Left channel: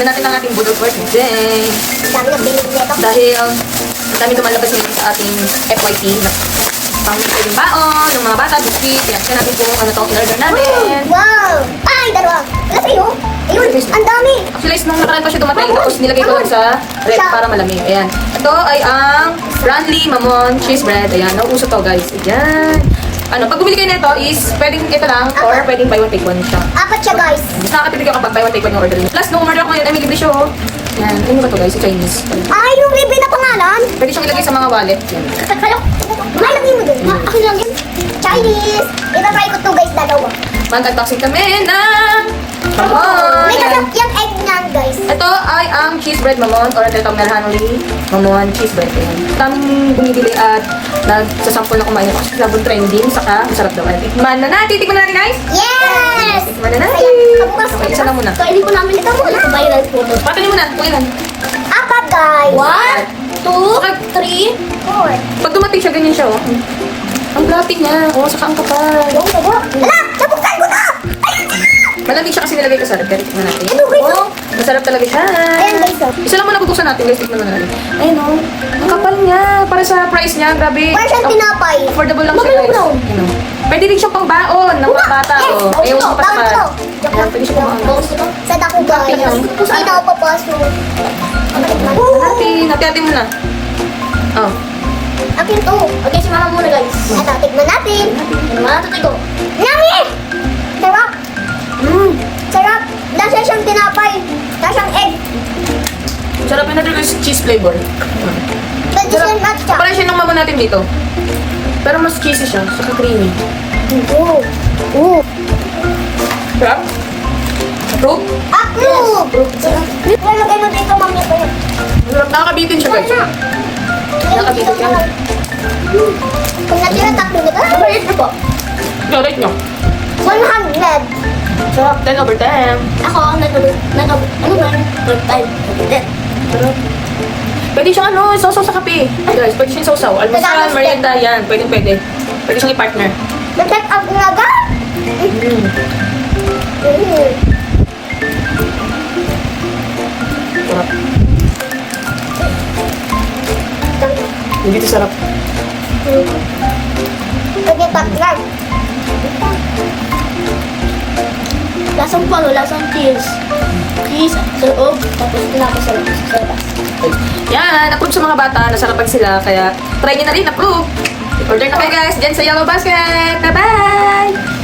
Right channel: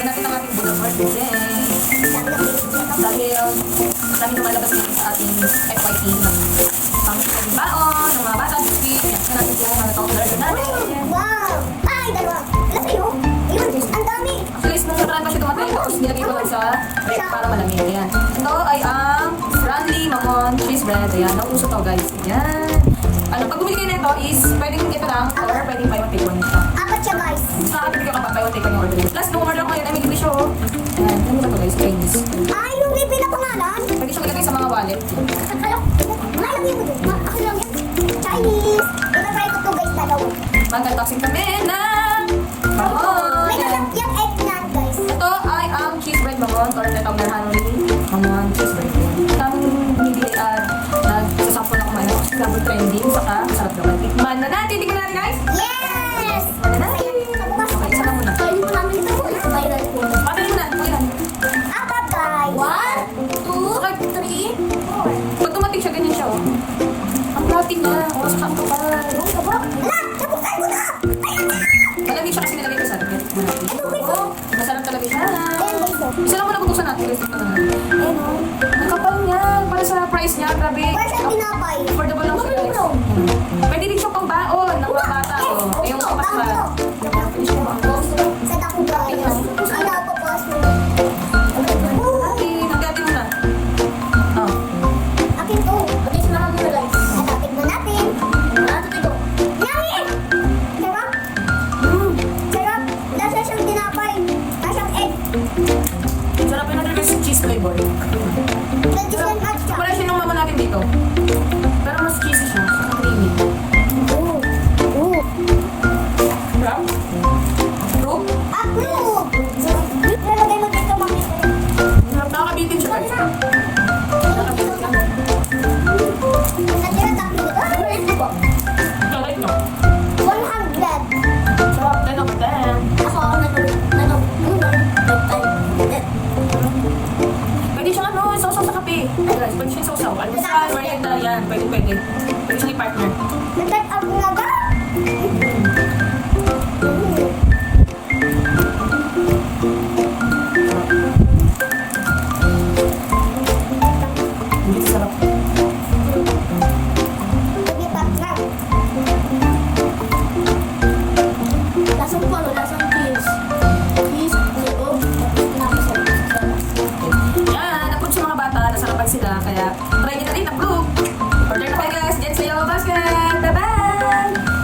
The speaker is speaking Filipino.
Tingnan natin ang ating budol birthday. Dami na pinili nito. Dahil ang dami lumalabas ngayon sa ating FYP na pang pwedeng baon, ng mga bata, biscuit. Kaya tingnan natin kung ano itong in-order natin. Wow! Ay, dalawa. Wala sa'yo. Ayun, ang dami. Actually, nung nakaraan pa siya dumating, tapos nilagay ko lang sa rep para malamig. Ayan. Ito ay ang Ranley Mamon Cheese Bread. Ayan, nauuso to guys. Ayan. Ano, pag bumili kayo nito is pwedeng ito lang or pwedeng buy one take one siya. Apat siya, guys. Mas nakakatipid ka kapag buy one take one yung order niyo. Plus, nung order ako ngayon, ay may libre siya oh. Yan, ano ba to guys? Chinese. Ay, yung libre na pangalan. Pwede siyang ilagay sa mga wallet. Yan. Kaya, malagay mo dun. Akin lang yan. Chinese. Ita-try ko to, guys, dalawa. Mag-unboxing kami ng Mamon. May Yan. kasap yung egg niyan, guys. Ito ay ang cheese bread Mamon or ang tinatawag na Hanley Mamon cheese bread. Yan. Taming bumibili at nagsasample na kumain ako. Labon trending, saka masarap daw. Ay, tikman na natin. Tikman na natin guys. Yes! Tikman na natin. Okay, isa lang muna. Kainin ko namin ito muna. Viral po. Patayin mo na. Kuya. Apat, guys. 1, 2, 3, 4. Pag dumating siya, ganyan siya oh. Ang fluffy niya. Oh, saka ang kapal. Yung sabo. Ala, nabuksan ko na! Ayan na! Malamig siya kasi nilagay ko sa rep. Kaya tikman natin. Ano, guys? Oh, masarap talaga siya. Ayan, guys. Isa lang muna bubuksan natin guys. Tikman muna natin. Ayun oh. Ang kapal niya. Para sa price niya. Grabe. Para siyang tinapay. Affordable lang siya Bumalik guys. daw. Ayun, oh. Pwede din siyang pang baon ng mga bata. Oh. Ayaw Yes, ko patamad. bawang Yan, pwede siya pang baon. Sa dako, guys. Tingnan. Hindi na ako papasok. Natin. Natin muna. Oh. Akin to. Okay, si mama muna, guys. Ito, tignan natin. Matutoy ko. Yummy! Sarap. Sarap. Lasa siyang tinapay. Lasa siyang egg. Sarap yun natin guys. Cheese flavor. Pwede Sarap. siyang matcha. Parang siya nung mamon natin dito. Pero mas cheesy siya. Saka creamy. Oo. Oo. Sarap? Fruit? Approve! Sarap. Lalagay mo dito, mami ko yun. Sarap. Nakakabitin siya guys. Nakakabitin siya. Kung natira tatlo nito, maliit na po. Rate nyo. 100. Sarap. 10 over 10. Ako, ano ba? Sarap. Pwede siyang ano, sausaw sa kape. Guys, pwede siyang sausaw. Almusal, merienda, yan. Pwede. Pwede siyang i-partner. Nag-take up nga ba? Sarap. Hindi ito sarap. Pwede partner. Lasang palo, lasang cheese. Cheese sa loob, tapos tinapos sa labas. Yan, approve sa mga bata. Nasarapan sila. Kaya try nyo na rin, approve. Order na kayo guys. Diyan sa Yellow Basket. Bye-bye!